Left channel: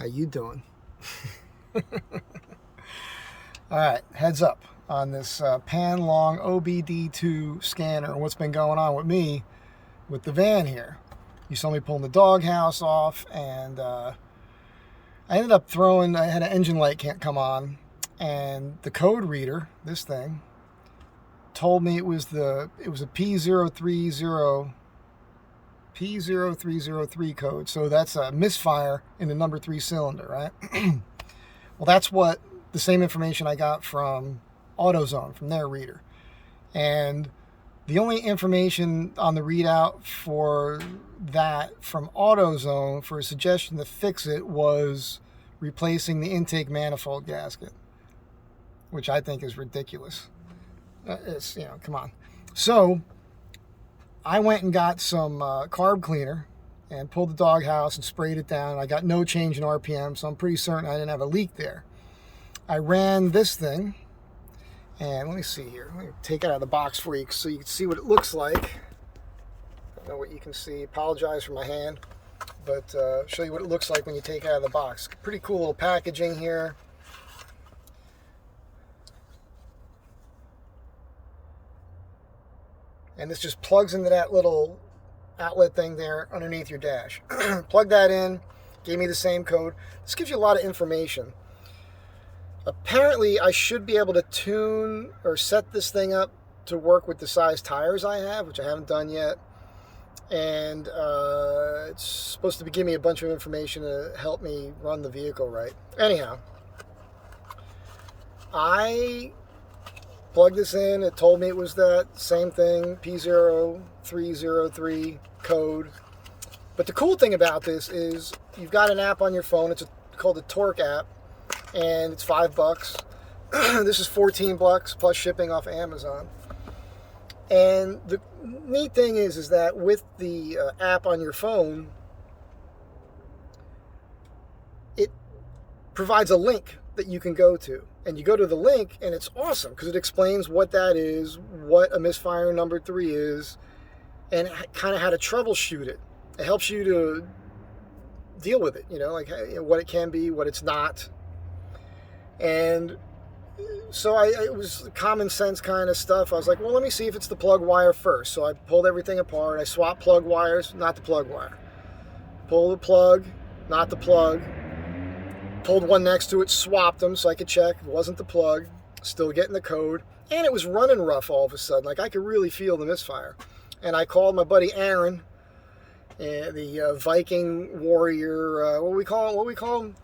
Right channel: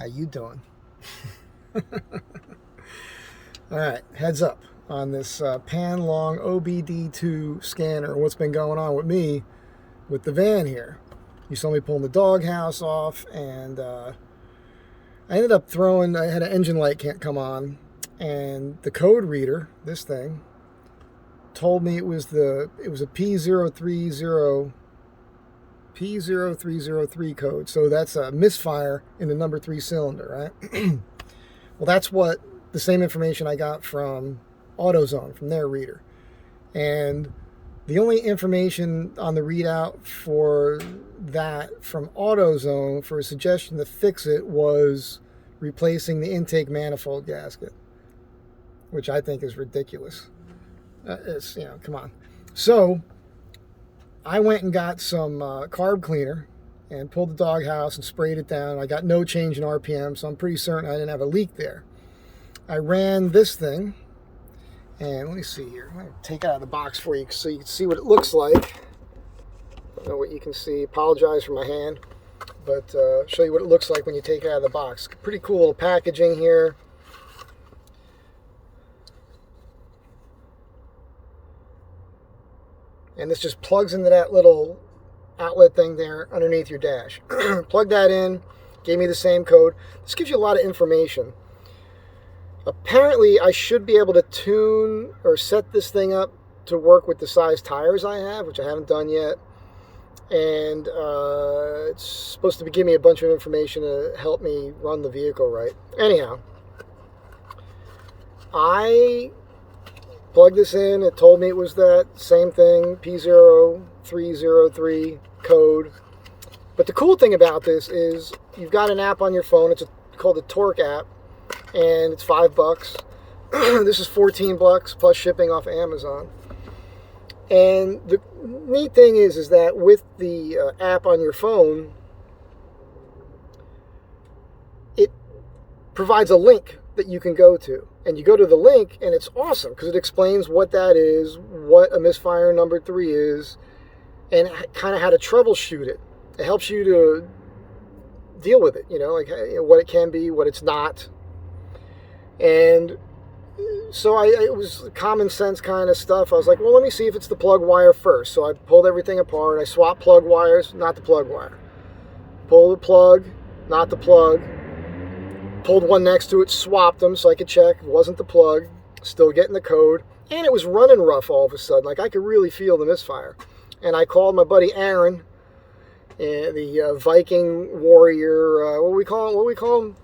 How you doing? All right, heads up on this Panlong OBDII scanner. What's been going on with me with the van here? You saw me pulling the doghouse off, and I ended up throwing. I had an engine light can't come on, and the code reader, this thing, told me it was a P0303 code. So that's a misfire in the number 3 cylinder, right? Well, that's what the same information I got from AutoZone, from their reader. And the only information on the readout for that from AutoZone for a suggestion to fix it was replacing the intake manifold gasket, which I think is ridiculous. It's, come on. So I went and got some carb cleaner and pulled the doghouse and sprayed it down. I got no change in RPM, so I'm pretty certain I didn't have a leak there. I ran this thing, and let me see here. Let me take it out of the box for you so you can see what it looks like. I don't know what you can see. Apologize for my hand, but show you what it looks like when you take it out of the box. Pretty cool little packaging here. And this just plugs into that little outlet thing there underneath your dash. Plug that in, gave me the same code. This gives you a lot of information. Apparently, I should be able to tune or set this thing up to work with the size tires I have, which I haven't done yet. And it's supposed to give me a bunch of information to help me run the vehicle right. Anyhow, I plugged this in. It told me it was that same thing, P0303 code. But the cool thing about this is you've got an app on your phone. It's called the Torque app, and it's $5. This is $14 plus shipping off Amazon. And the neat thing is that with the app on your phone, it provides a link that you can go to. And you go to the link, and it's awesome because it explains what that is, what a misfire number 3 is, and kind of how to troubleshoot it. It helps you to deal with it, like what it can be, what it's not. And so it was common sense kind of stuff. I was like, well, let me see if it's the plug wire first. So I pulled everything apart. I swapped plug wires, not the plug wire. Pull the plug, not the plug. Pulled one next to it, swapped them so I could check. It wasn't the plug. Still getting the code. And it was running rough all of a sudden. Like I could really feel the misfire. And I called my buddy Aaron, the Viking warrior. What do we call him?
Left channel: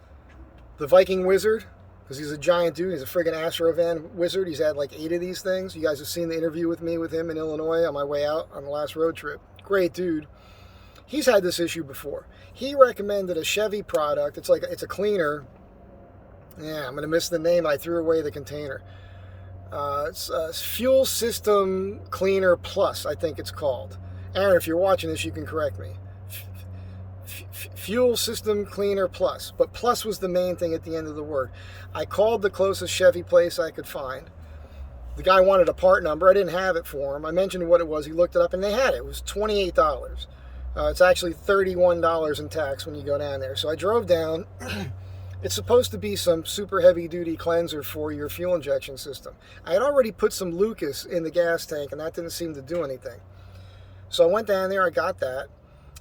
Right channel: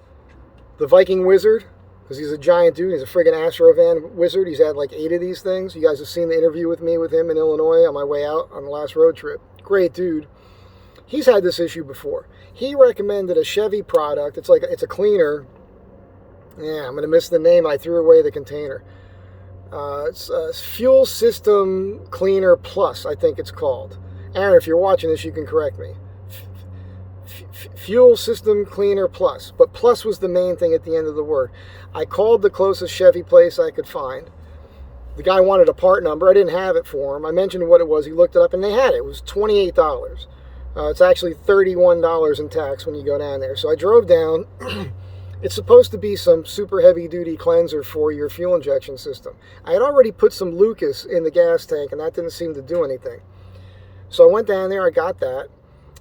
The Viking wizard. Because he's a giant dude. He's a friggin' Astro van wizard. He's had like 8 of these things. You guys have seen the interview with me with him in Illinois on my way out on the last road trip. Great dude. He's had this issue before. He recommended a Chevy product. It's a cleaner. Yeah, I'm going to miss the name. I threw away the container. It's Fuel System Cleaner Plus, I think it's called. Aaron, if you're watching this, you can correct me. Fuel System Cleaner Plus. But plus was the main thing at the end of the word. I called the closest Chevy place I could find. The guy wanted a part number. I didn't have it for him. I mentioned what it was. He looked it up, and they had it. It was $28. It's actually $31 in tax when you go down there. So I drove down. It's supposed to be some super heavy-duty cleanser for your fuel injection system. I had already put some Lucas in the gas tank, and that didn't seem to do anything. So I went down there. I got that.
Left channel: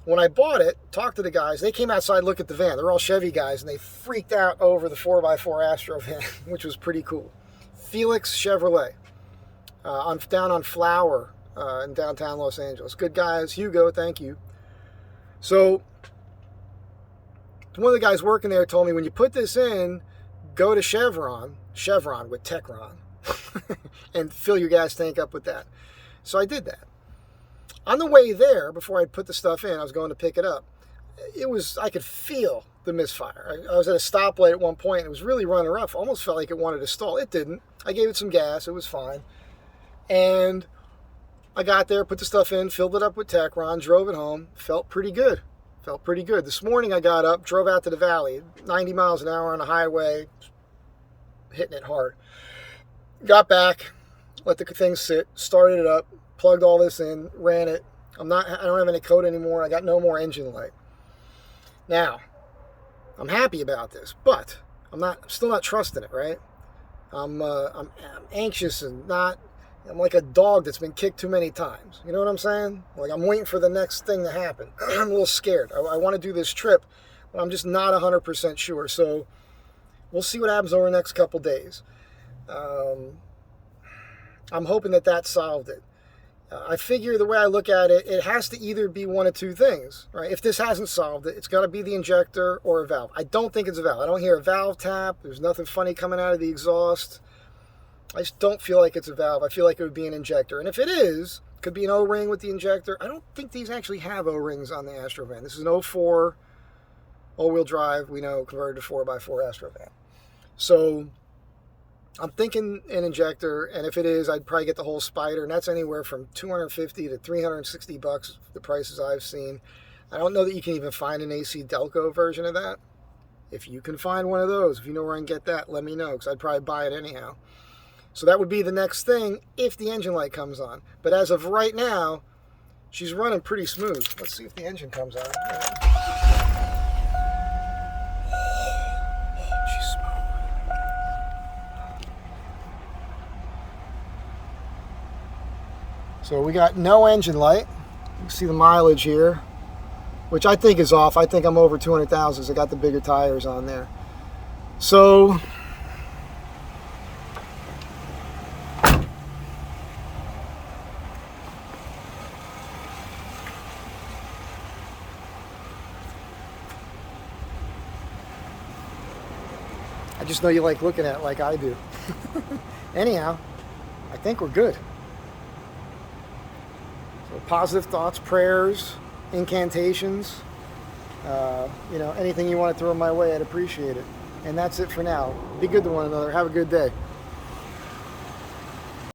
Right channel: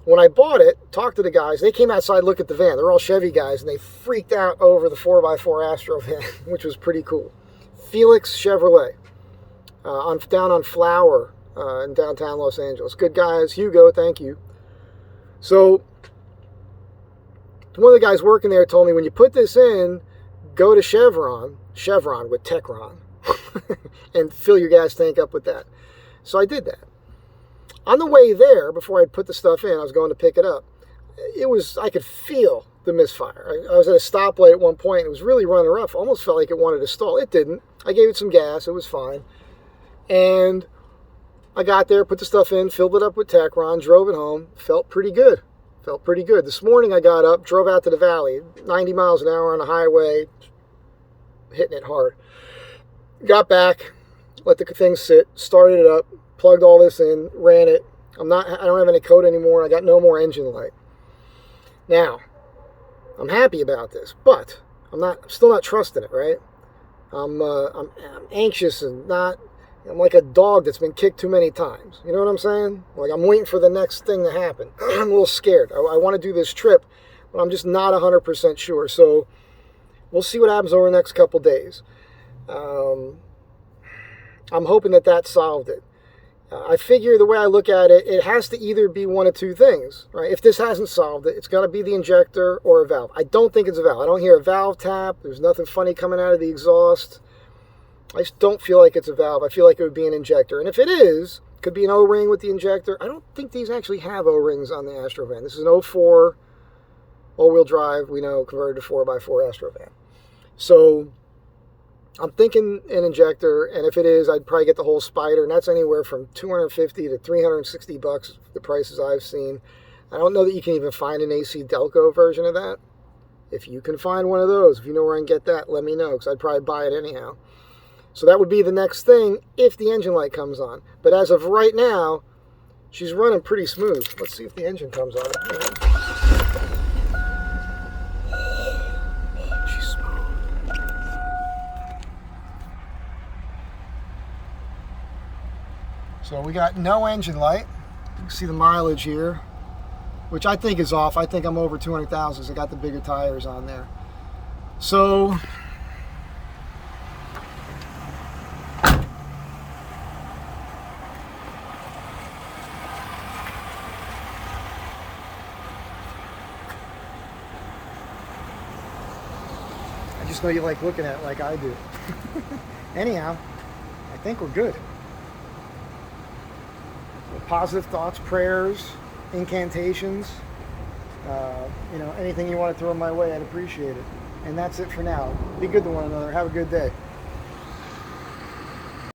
When I bought it, talked to the guys. They came outside, looked at the van. They're all Chevy guys, and they freaked out over the 4x4 Astro van, which was pretty cool. Felix Chevrolet, down on Flower in downtown Los Angeles. Good guys. Hugo, thank you. So one of the guys working there told me, when you put this in, go to Chevron with Techron, and fill your gas tank up with that. So I did that. On the way there, before I put the stuff in, I was going to pick it up. I could feel the misfire. I was at a stoplight at one point. It was really running rough. Almost felt like it wanted to stall. It didn't. I gave it some gas. It was fine. And I got there, put the stuff in, filled it up with Techron, drove it home. Felt pretty good. This morning I got up, drove out to the valley, 90 miles an hour on the highway, hitting it hard. Got back, let the thing sit, started it up, plugged all this in, ran it. I don't have any code anymore. I got no more engine light. Now, I'm happy about this, but I'm still not trusting it, right? I'm anxious and I'm like a dog that's been kicked too many times. You know what I'm saying? Like, I'm waiting for the next thing to happen. I'm a little scared. I want to do this trip, but I'm just not 100% sure. So we'll see what happens over the next couple days. I'm hoping that solved it. I figure the way I look at it, it has to either be one of two things, right? If this hasn't solved it, it's got to be the injector or a valve. I don't think it's a valve. I don't hear a valve tap. There's nothing funny coming out of the exhaust. I just don't feel like it's a valve. I feel like it would be an injector. And if it is, it could be an O-ring with the injector. I don't think these actually have O-rings on the Astro van. This is an 04 all-wheel drive, we know, converted to 4x4 Astro van. So I'm thinking an injector, and if it is, I'd probably get the whole Spider, and that's anywhere from $250 to $360, the prices I've seen. I don't know that you can even find an AC Delco version of that. If you can find one of those, if you know where I can get that, let me know, because I'd probably buy it anyhow. So that would be the next thing if the engine light comes on. But as of right now, she's running pretty smooth. Let's see if the engine comes on. She's smooth. So we got no engine light. You can see the mileage here, which I think is off. I think I'm over 200,000 because I got the bigger tires on there. So I just know you like looking at it like I do. Anyhow, I think we're good. So positive thoughts, prayers, incantations, you know, anything you want to throw my way, I'd appreciate it. And that's it for now. Be good to one another. Have a good day.